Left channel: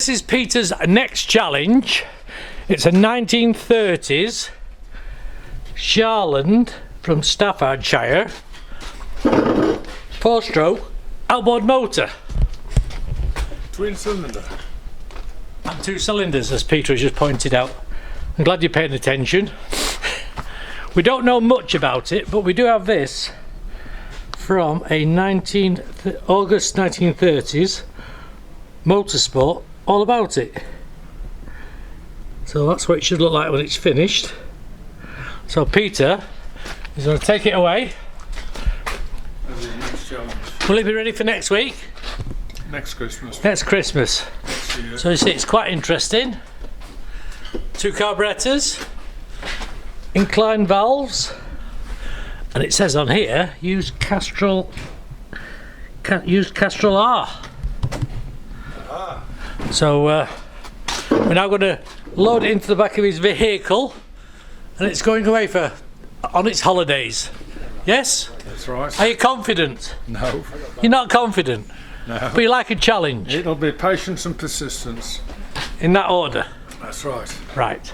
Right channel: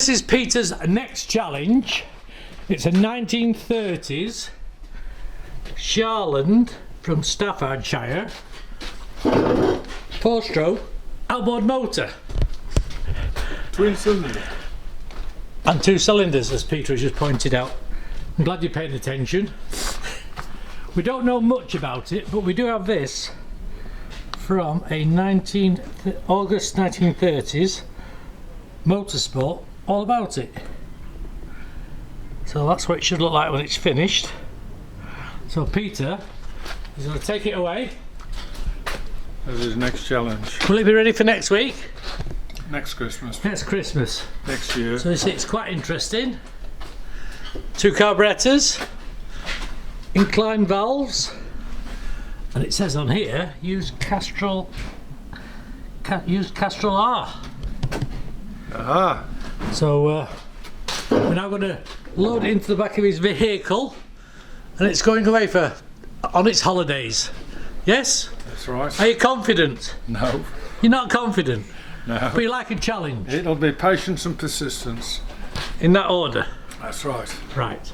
This is Peter's next challenge. It's a 1930s Sharland from Staffordshire 4-stroke outboard motor. Twin cylinder. And 2 cylinders, as Peter has just pointed out. I'm glad you're paying attention. We don't know much about it, but we do have this from a August 1930s motorsport, all about it. So that's what it should look like when it's finished. So Peter is going to take it away. That's his next challenge. Will it be ready for next week? Next Christmas. Next Christmas. Next year. So you see, it's quite interesting. 2 carburetors, inclined valves, and it says on here, use Castrol R. Aha. So we're now going to load it into the back of his vehicle, and it's going away on its holidays. Yes? That's right. Are you confident? No. You're not confident? No. But you like a challenge? It'll be patience and persistence. In that order? That's right. Right.